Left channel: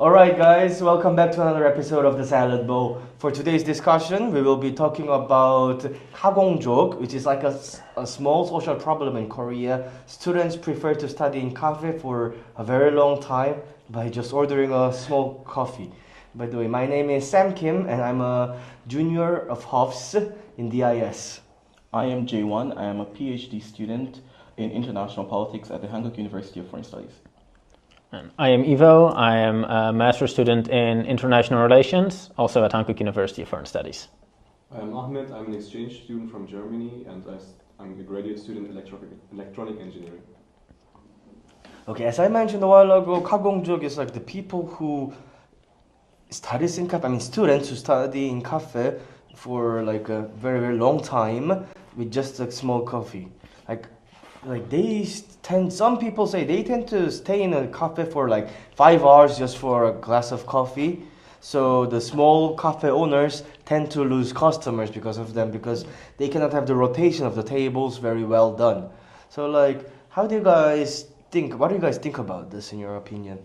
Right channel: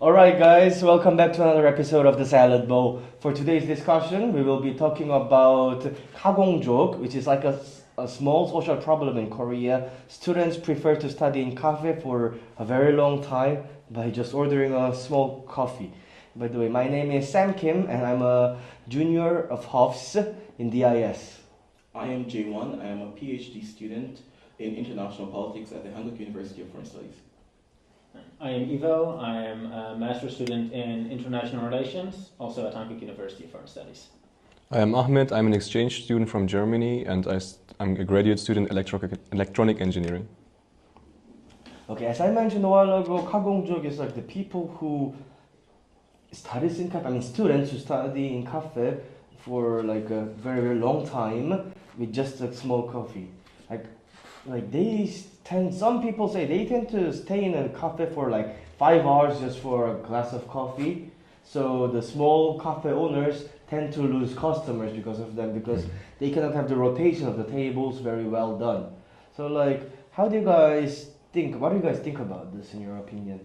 Alright guys, welcome back to another episode of The Salad Bowl. For today's discussion, we will be talking about 가공족, which is like a small social problem in Korea. Students prefer to study in cafe for a very long time by just ordering a small coffee. By the way, my name is Sam Kim and I'm a junior of HOFS in DIS. I am J1. I am a PhD student in international politics at the Hankuk University of Foreign Studies. I am Ivo. I am a master's student in international relations, also at Hankuk University of Foreign Studies. I am Ahmed. I'm an exchange student from Germany and I'm a graduate student in electronic engineering. Okay, as I mentioned a while ago, 가공족 is like the people who studies in cafe, I mean students who study in cafe for like a very, very long time with just a small coffee. Like they tend, some people say they tend to stay in a cafe for like 5 hours just for a glass of coffee. So the small cafe owners tend to lose customers because of them, because they cannot have the rotation of the tables very well done. So like, how do you guys think, what do you guys think about this in your opinion?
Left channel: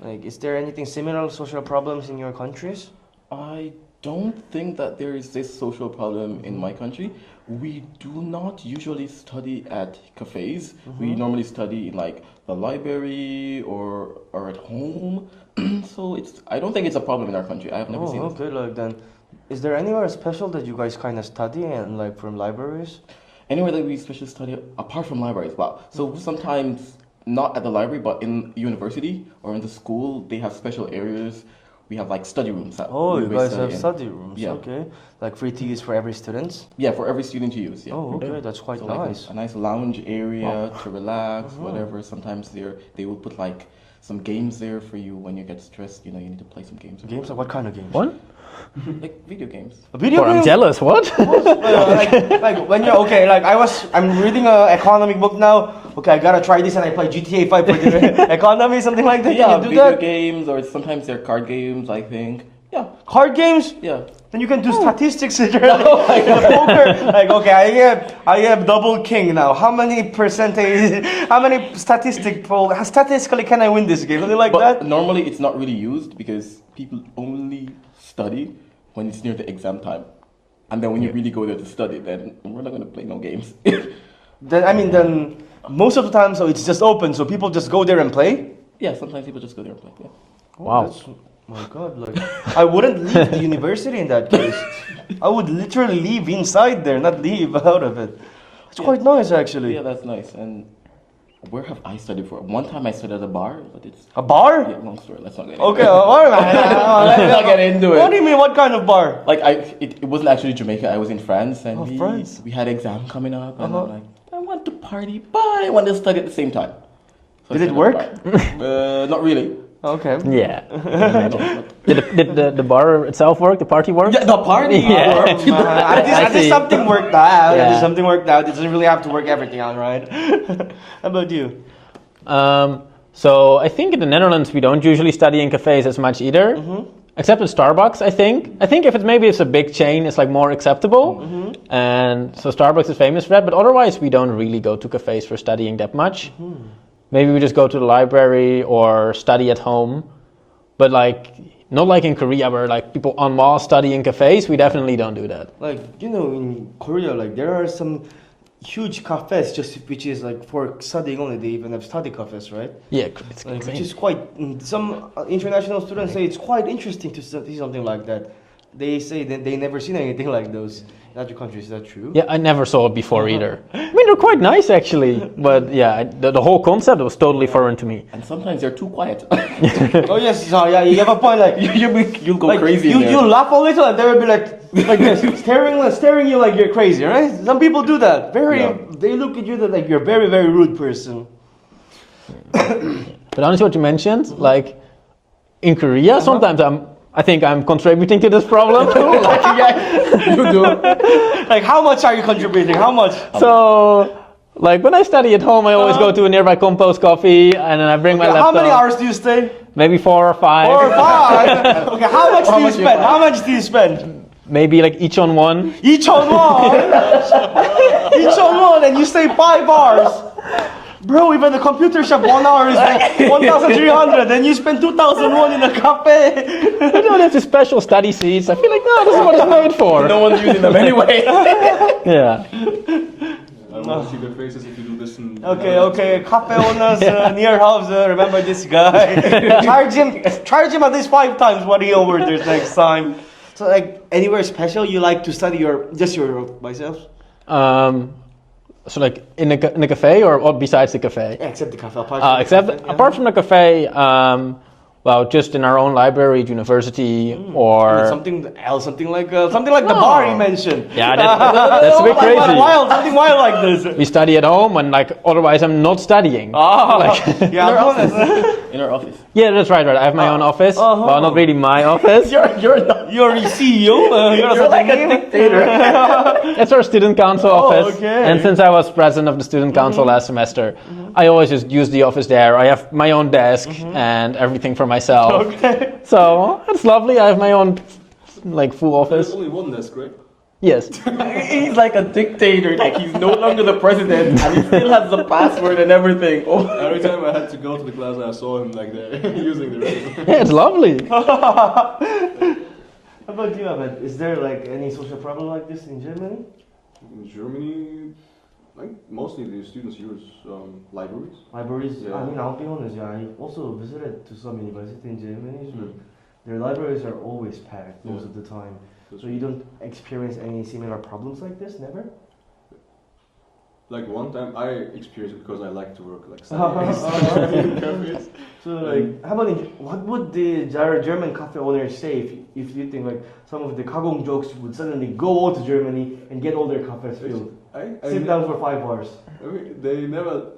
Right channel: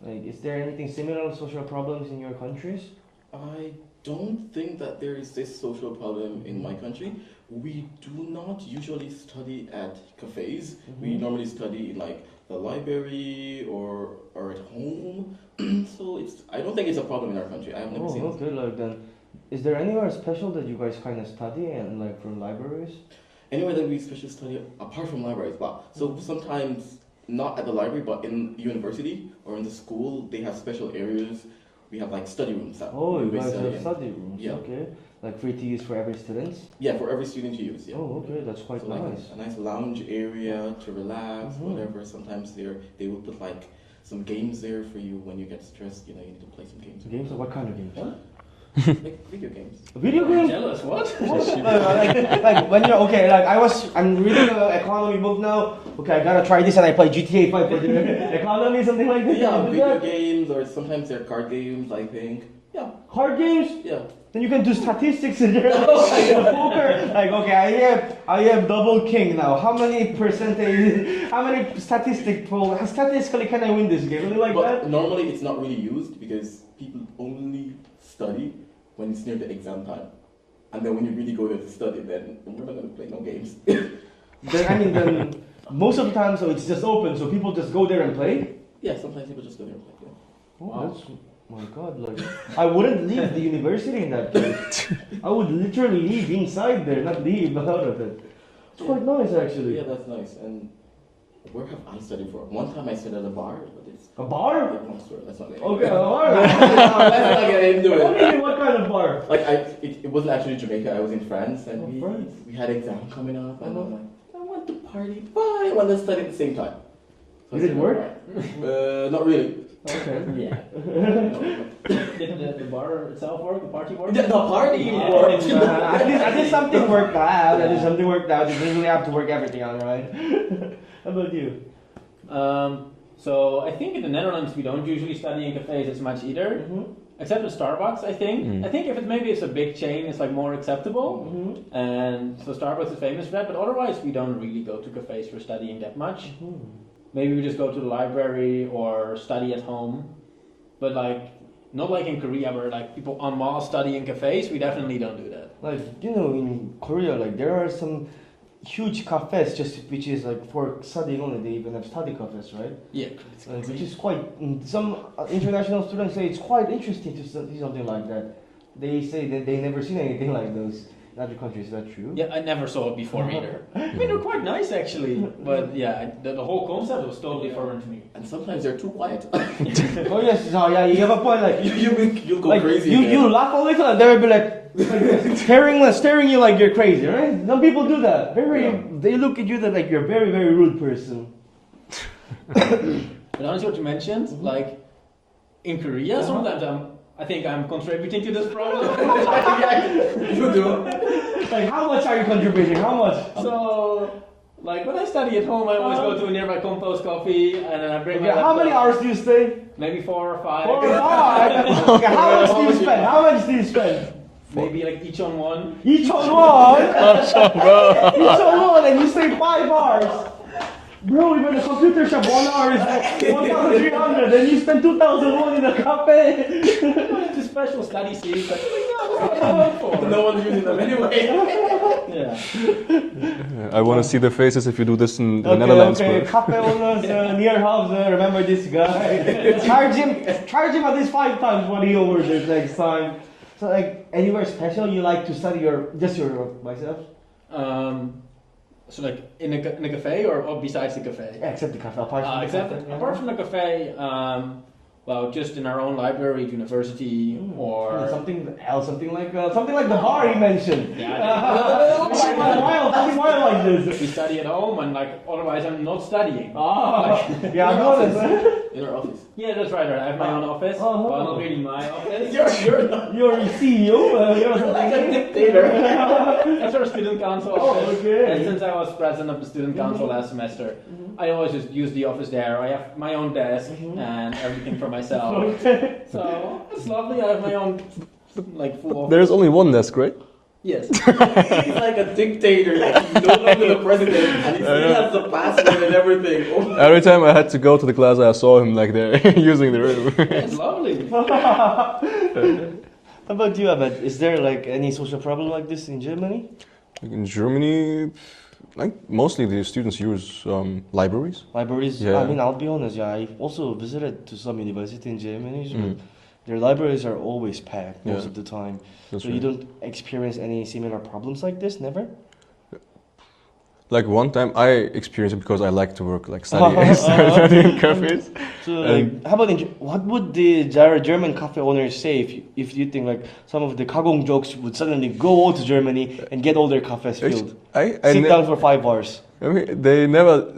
Like, is there anything similar social problems in your countries? I don't think that there is this social problem in my country. We do not usually study at cafes. We normally study in like the library or at home. So I don't think it's a problem in our country. I have never seen it. Okay, like then, is there anywhere special that you guys kind of study and like from libraries? Anywhere that we especially study apart from libraries. Wow. So sometimes not at the library, but in university or in the school, they have special areas. We have like study rooms. Oh, you guys have in. study rooms, Yeah. okay. Like free teas for every student? Yeah, for every student to use. Yeah. Oh, okay, that's quite So like nice. a nice lounge area to relax, whatever. Sometimes they will put like some games there for you when you get stressed. You know, you need to play some games. Games? What kind of games? What? Like video games. Video I'm games? jealous, what? like when you're, okay, like I'm reading an economic book now. Okay, I gotta try this and I play GTA 5 for the economy, something like that. Yeah, Can you do video that? games, or sometimes they're card games, I think. Yeah, Card games? yeah. Then you can do statistics in there, like poker. Like, okay, I have double king now. How many percentage? How many statistically can I win this game? Something like But that. normally it's not really used because people only study when it's near the exam time. And then when you really go there to study, then we're not going to play no games. Then most of the time, so it's just open, so people just go there and play. Yeah, sometimes people just go there and play. Yeah. Wow. That's, my God, like I wouldn't leave the university in that case. I would literally leave inside there, not leave out of it. It's quite nice actually. Yeah, that's nice. And where have I studied for? One time I studied at a bar, but it's A bar? yeah, long story. Let's not get into Okay, it. a bar. Let's not get into What do it. you mean? What kind of bar? Like it wasn't actually Jamaica. I was in France, and Oh, France. we had exam coming up, and Uh-huh. I'm like, I want to party, but I want to study at the same time. So Did I it studied work? at the bar. Not really. Okay. Yeah. No. Did the bar itself work? The party work? Yeah, the party. Yeah. worked. At least see. something worked out. At least Yeah. something worked out. It doesn't really have to work everything out, right? How about you? So I think in the Netherlands we don't usually study in cafes as much either, except at Starbucks. I think. I think if it's a big chain, it's like more acceptable, and so Starbucks is famous for that. But otherwise, we don't really go to cafes for studying that much. Maybe we just go to the library or study at home, but like not like in Korea where like people en masse study in cafes. We definitely don't do that. Like, you know, in Korea, like there are some huge cafes just which is like for studying only. They even have study cafes, right? Yeah, it's Like, which insane. is quite. Some international students say it's quite interesting to see something like that. They say that they never seen anything like those in other countries. Is that true? Yeah, I never saw it before either. I mean, they're quite nice actually, but yeah, the whole concept was totally foreign to me. And sometimes they're too quiet. Oh yes, so yeah, you have a point. Like You'll go like, crazy. in there. you laugh a little and they will be like this, staring you like you're crazy, right? Some people do that. Yeah. They look at you that like you're a very, very rude person. But honestly, what you mentioned, like in Korea, sometimes I think I'm contributing to this problem. Yeah, you do. Like how much are you contributing? How much? So, like when I study at home, I always go to a nearby Compost Coffee, and then I bring my Okay, laptop. how many hours do you stay? Maybe 4 or 5. 4 or 5. Okay, how much do you spend? How much do you spend? Maybe like each on one. Each on one. Each on one, and you stay 5 hours. Bro, even the computer shop 1 hour is like 1,300, and you spend 2,001 in a cafe. I don't have the special study seats. I feel like, no, this is what it's meant for. No one's using them anyway. Yeah. I want to see the faces if you do this in the Okay, Netherlands. okay, but- cafe owners near house, remember this guy. charge him at least 5 times what he orders next time. So like, anywhere special you like to study just your myself? So like in a cafe or besides the cafe? Yeah, except the cafe. Apart from the Except cafe, yeah. apart from the cafe, well, just in our own library at university or something else, something like the bar you mentioned. yeah, that's a bit crazy. Something wild like this. We study at home, and like otherwise I'm not studying. Yeah, I'm honest. In our office. Yeah, that's right. I have my own office. Well, not really my office. You're not. You're the CEO. You're like a dictator. That's our student council office. okay. And since I was president of the student council last semester, I always just use the office there. I have my own desk and everything for myself. Okay. So it's lovely. I have my own like full office. There's only one desk, right? Yes. He's like a dictator. Like he's no longer the president, and he still has the password and everything. Oh. Every time I had to go to the class, I saw him like there using the room. Yeah, it's lovely. How about you, Ahmed? Is there like any social problem like this in Germany? In Germany, like mostly the students use libraries. Libraries? Yeah. I mean, I'll be honest. Yeah, I also visited to some university in Germany. So Mm. their libraries are always packed most Yeah. of the time. That's So right. you don't experience any similar problems like this? Never? Like one time I experienced it because I like to work like studying in cafes. So like, how about what would the German cafe owners say if you think like some of the Kagong jokes would suddenly go to Germany and get all their cafes filled? I Sit down for 5 hours. I mean, they never.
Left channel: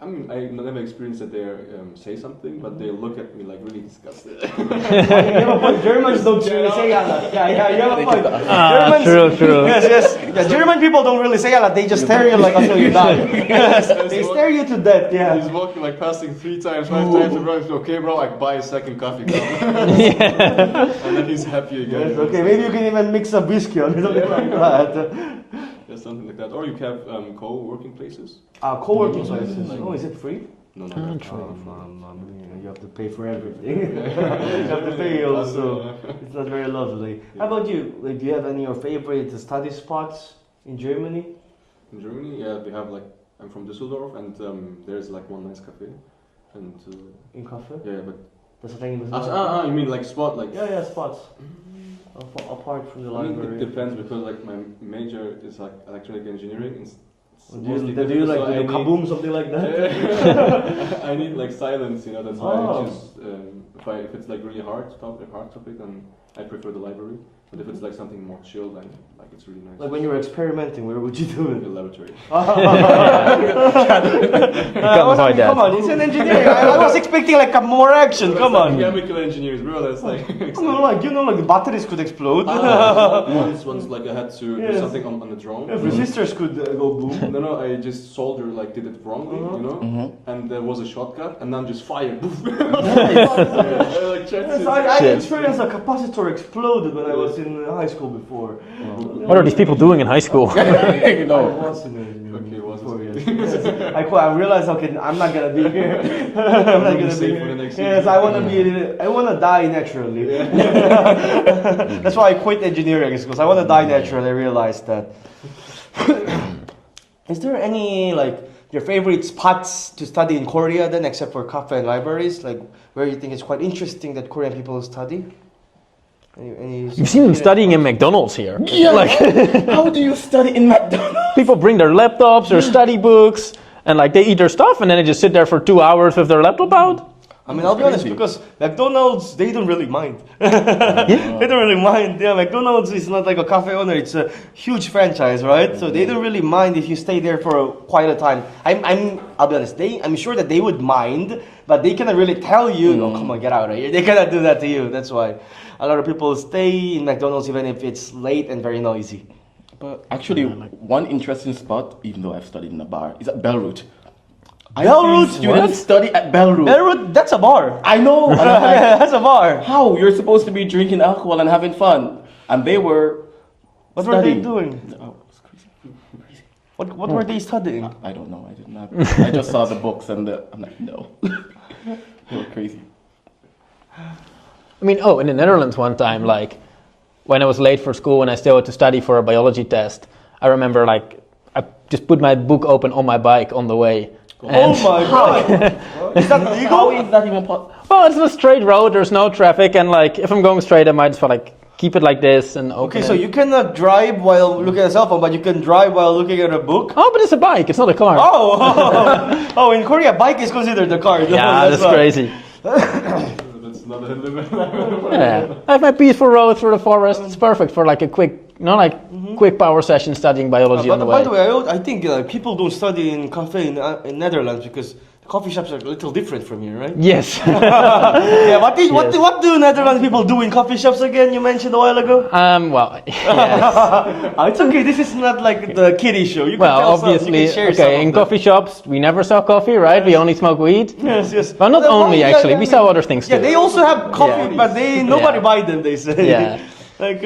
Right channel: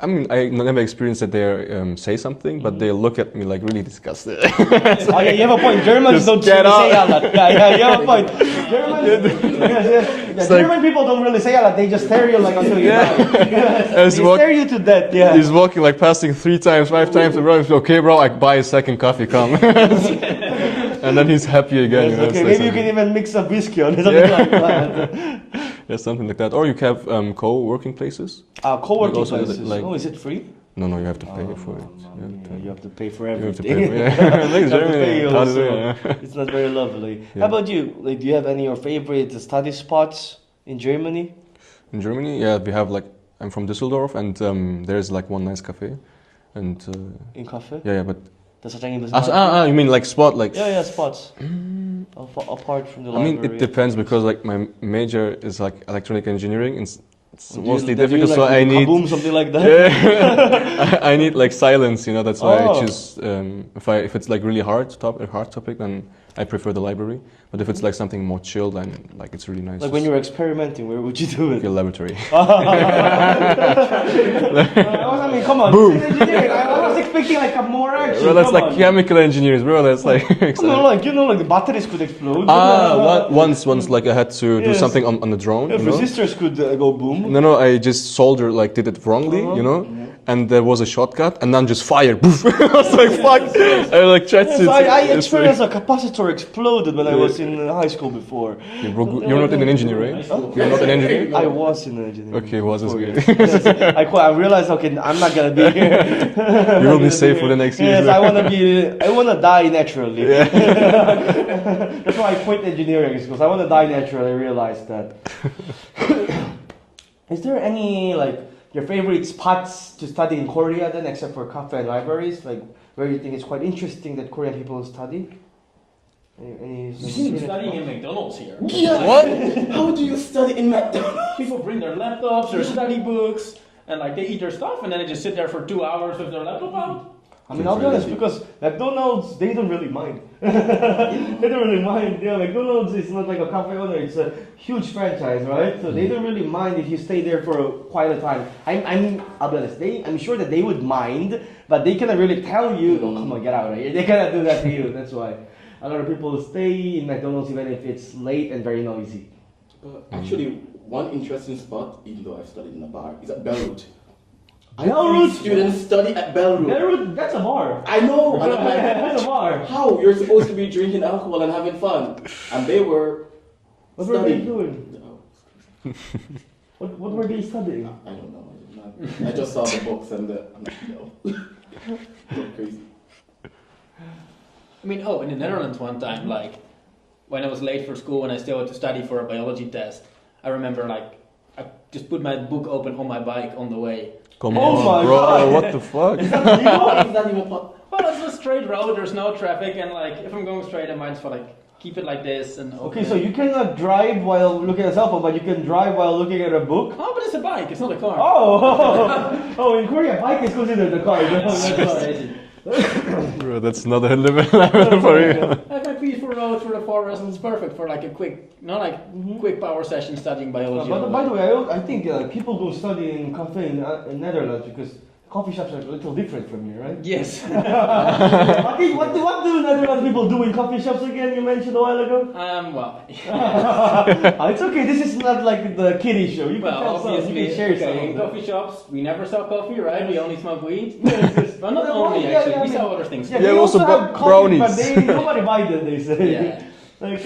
I mean, I never experienced that they say something, but they look at me like really disgusted. Okay, you have a point. Germans don't get really say that. Yeah, you have a point. Germans, true. Yes. Yeah, German people don't really say that. They just stare you like until you die. Yes, they It's what- stare you to death. Yeah. He's walking like passing 3 times, 5 times around. Okay, bro, I buy a second coffee, come. And then he's happy again. Yes, you know, okay, so maybe you something- can even mix a whiskey or something like that. Yeah, something like that. Or you can have co-working places. Co-working Also, places. like- Oh, is it free? No, you have to pay for it. You have to pay for You have to everything. pay. Yeah. Thanks, You have to pay Germany. also. Hallelujah. It's not very lovely. Yeah. How about you? Like, do you have any of your favorite study spots in Germany? In Germany, yeah, we have like I'm from Düsseldorf, and there's like one nice cafe, and In cafe? yeah, but That's what I mean. you mean like spot like? Yeah, spots. Apart from the I library. mean, it depends because like my major is like electronic engineering, and it's mostly Do you difficult. So like I need kaboom, something like that. yeah, I need like silence, you know. That's why Oh. I choose. If it's like really a hard topic, then I prefer the library. But if it's like something more chill, then like it's really nice. Like when you were experimenting, where would you do it? a laboratory. Come on, it's an engineering. I was expecting like a more action. Well, that's Come like on. chemical engineers, bro. That's like. Like the batteries could explode. Once like I had to do Yes. something on the drone. Yeah, you know? resistors could go boom. No, I just did it wrongly, you know, and there was a shortcut, and then just fire. Poof. I was like, fuck. I like tried to. I experienced a capacitor exploded when I was in high school before. What are these people doing in high school? I was in engineering. Okay, was as before, good. yes. I realized, okay, I'm not gonna be here. You will be safe for the next year. Yes, I wanna die naturally. That's why I quit engineering because I wanna die naturally. I realized that. Is there any like your favorite spots to study in Korea then, except for cafe and libraries? Like where you think it's quite interesting that Korean people study? You've seen them studying in McDonald's here. What? How do you study in McDonald's? People bring their laptops, their study books, and like they eat their stuff, and then they just sit there for 2 hours with their laptop out. I mean, I'll be honest, because McDonald's, they don't really mind. They don't really mind. Yeah, McDonald's is not like a cafe owner, it's a huge franchise, right? So they don't really mind if you stay there for quite a time. I'll be honest, I'm sure that they would mind, but they cannot really tell you, oh, come on, get out of here. They cannot do that to you. That's why a lot of people stay in McDonald's even if it's late and very noisy. But actually, one interesting spot, even though I've studied in a bar, is at Bellroot. Bellroot? Students study at Bellroot. Bellroot, that's a bar. I know. And I'm like, That's a bar. how? You're supposed to be drinking alcohol and having fun. And they were What were they studying. doing? Oh, it's crazy. What were they studying? I don't know. I did not. I just saw the books and I'm like, no. You're crazy. I mean, in the Netherlands one time, like when I was late for school and I still had to study for a biology test, I remember like I just put my book open on my bike on the way. Oh my god! What the fuck? Is that legal? How is that even possible? Well, it's a straight road. There's no traffic, and like if I'm going straight, I might as well like keep it like this and open Okay, so it. you cannot drive while looking at a cell phone, but you can drive while looking at a book? Oh, but it's a bike. It's not a car. Oh, in Korea, bike is considered a car. Yeah, that's crazy. Bro, that's another level for Yeah. you. I have my peaceful road through the forest. It's perfect for like a quick, quick power session studying biology on the way. By the way, I think people don't study in cafe in Netherlands because coffee shops are a little different from here, right? Yes. Yeah, what do Netherlands people do in coffee shops again? You mentioned a while ago. Well, yes. It's okay. This is not like the kiddie show. You can Well, tell some, you obviously, can share some okay. of In them. coffee shops, we never sell coffee, right? We only smoke weed. Yes. Well, not Well, only yeah, actually. yeah, We yeah. sell other things Yeah, too. they also have coffee, but brownies. nobody Yeah. buy them. They say. Yeah. Like.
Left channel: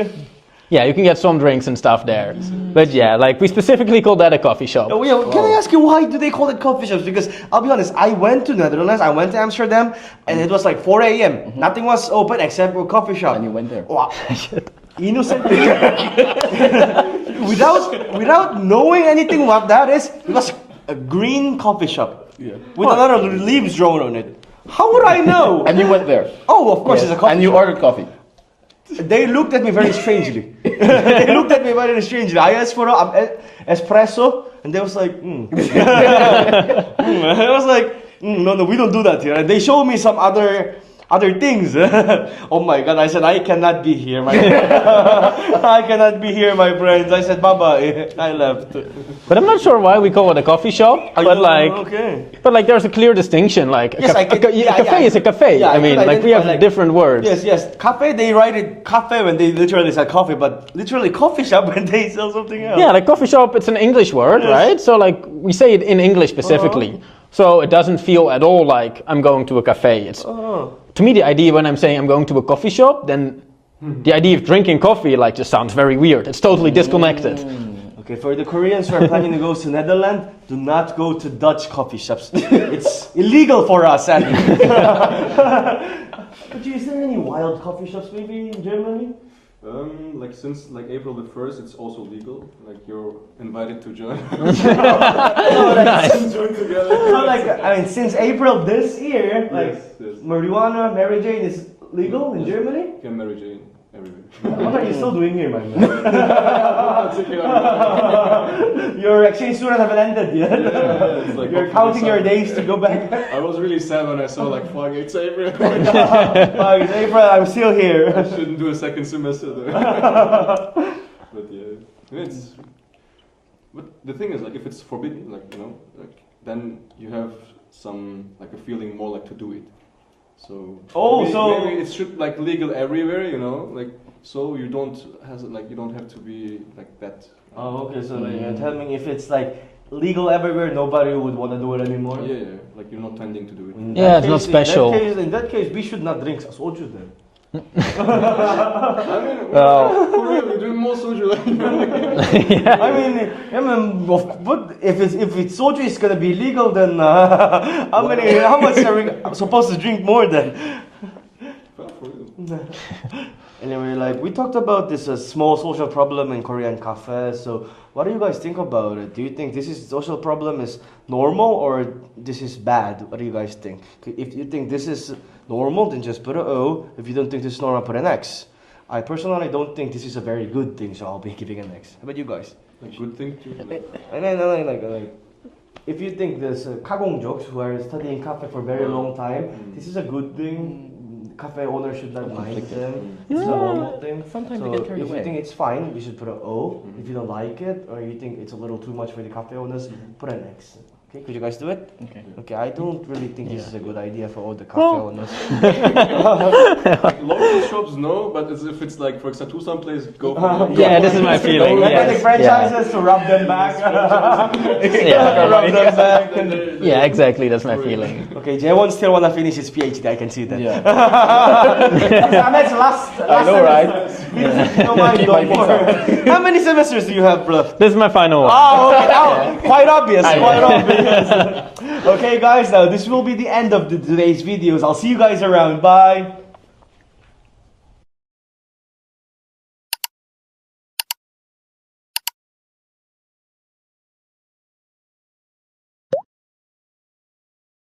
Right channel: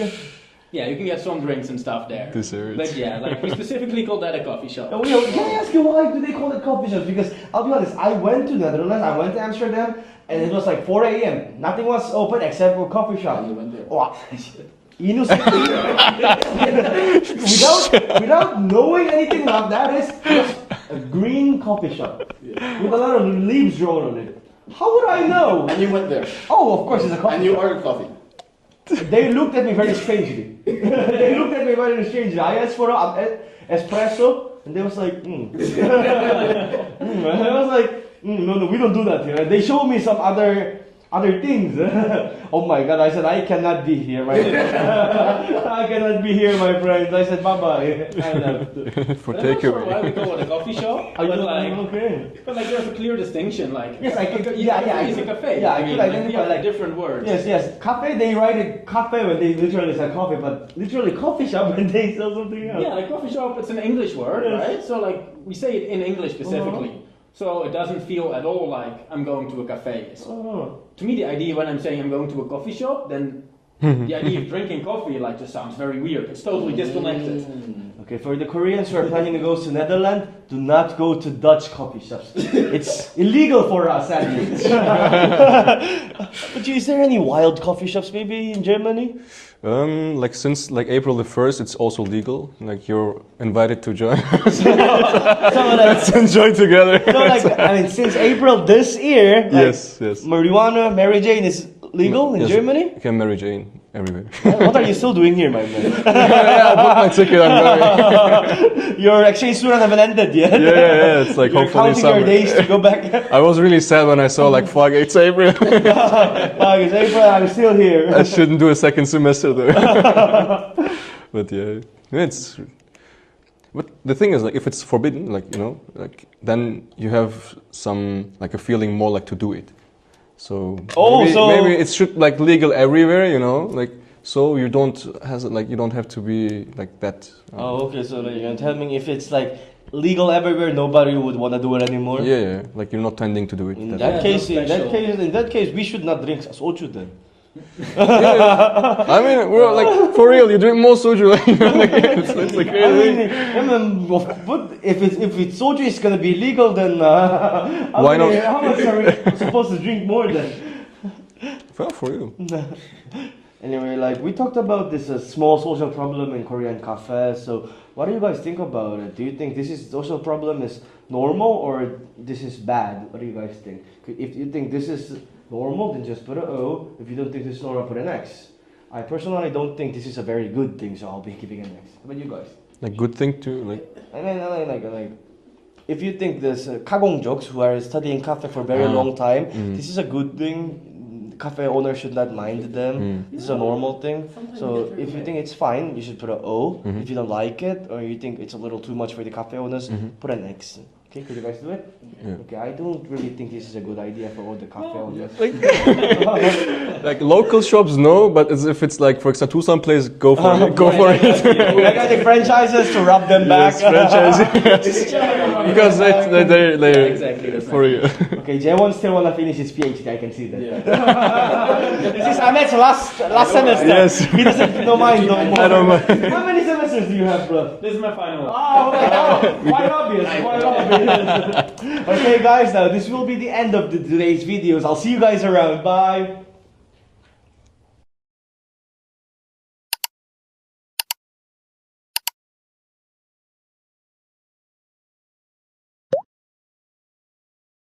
Yeah, you can get some drinks and stuff there. Desserts. But yeah, like we specifically call that a coffee shop. Oh, yeah, can I ask you why do they call it coffee shops? Because I'll be honest, I went to Netherlands, I went to Amsterdam, and it was like 4 a.m. Nothing was open except for coffee shop. And you went there. Wow. Innocently. without knowing anything what that is, it was a green coffee shop with a lot of leaves drawn on it. How would I know? And you went there. Oh, of course, it's a coffee And you shop. ordered coffee. They looked at me very strangely. They looked at me very strangely. I asked for an espresso, and they was like, I was like, no, we don't do that here. And they showed me some other things. Oh my god, I said, I cannot be here, my I cannot be here, my friends. I said, bye-bye. I left. But I'm not sure why we call it a coffee shop. But like, okay. but like, there's a clear distinction. Like, Yes, I can- a cafe is a cafe. Yeah, I mean, could like we have identify, like- different words. Yes. Cafe, they write it cafe when they literally say coffee, but literally coffee shop when they sell something else. Yeah, like coffee shop, it's an English word, Yes. right? So like we say it in English specifically. So it doesn't feel at all like I'm going to a cafe. It's to me the idea when I'm saying I'm going to a coffee shop, then the idea of drinking coffee like just sounds very weird. It's totally disconnected. Okay, for the Koreans who are planning to go to Netherlands, do not go to Dutch coffee shops. It's illegal for us. Is there any wild coffee shops maybe in Germany? Like since like April the 1st, it's also legal. Like you're invited to join. No, like, Enjoy together. no, like, I mean, since April this year, like, Yes. marijuana, Mary Jane is legal in Yes, Germany? You can marry Jane everywhere. What are you still doing here, my man? I took it. I'm going. Your exchange student haven't ended yet. Yeah. It's like You're hopefully counting your summer. days to go back. I was really sad when I saw like fuck, it's April. It's April, I'm still here. I shouldn't do a second semester though. But yeah, it's. But the thing is, like, if it's forbidden, like like then you have some like a feeling more like to do it. So maybe it should like legal everywhere, like so you don't have to be like that. Oh, okay, so then you're telling me if it's like legal everywhere, nobody would want to do it anymore? Yeah, like you're not tending to do it. In Yeah, that it's not case- special. In that case, we should not drink soju then. I mean, we're like for real. You drink more soju. But if it's soju, it's gonna be legal. Then Why not? how much are we supposed to drink more then? Well, for you. Anyway, like we talked about this small social problem in Korean cafes. So, what do you guys think about it? Do you think this is social problem is normal or this is bad? What do you guys think? If you think this is normal, then just put an O. If you don't think this is normal, put an X. I personally don't think this is a very good thing, so I'll be giving an X. How about you guys? Like good thing to like. And then like if you think this 가공족s who are studying cafe for a very long time, this is a good thing. Cafe owners should not mind them. This is a normal thing. Sometimes So we get carried if you away. think it's fine, you should put an O. If you don't like it or you think it's a little too much for the cafe owners, put an X. Okay, could you guys do it? Okay. Yeah. Okay, I don't really think this is a good idea for all the cafe Well- owners. Like local shops, no, but as if it's like for example, some place, go for it. Go Yeah, for this is my it. feeling. We're Yeah. getting franchises to rub them back. Yes, franchising. Yeah. Rub them Because back. they Yeah, exactly. That's my for you. feeling. Okay, Jay still wanna finish his PhD. I can see that. Yeah. Ahmed's last know, semester. right? Yes. He doesn't know mine no more. How many semesters do you have, bro? This is my final one. Oh, okay. Oh, quite obvious. Quite obvious. Okay, guys. This will be the end of today's videos. I'll see you guys around. Bye.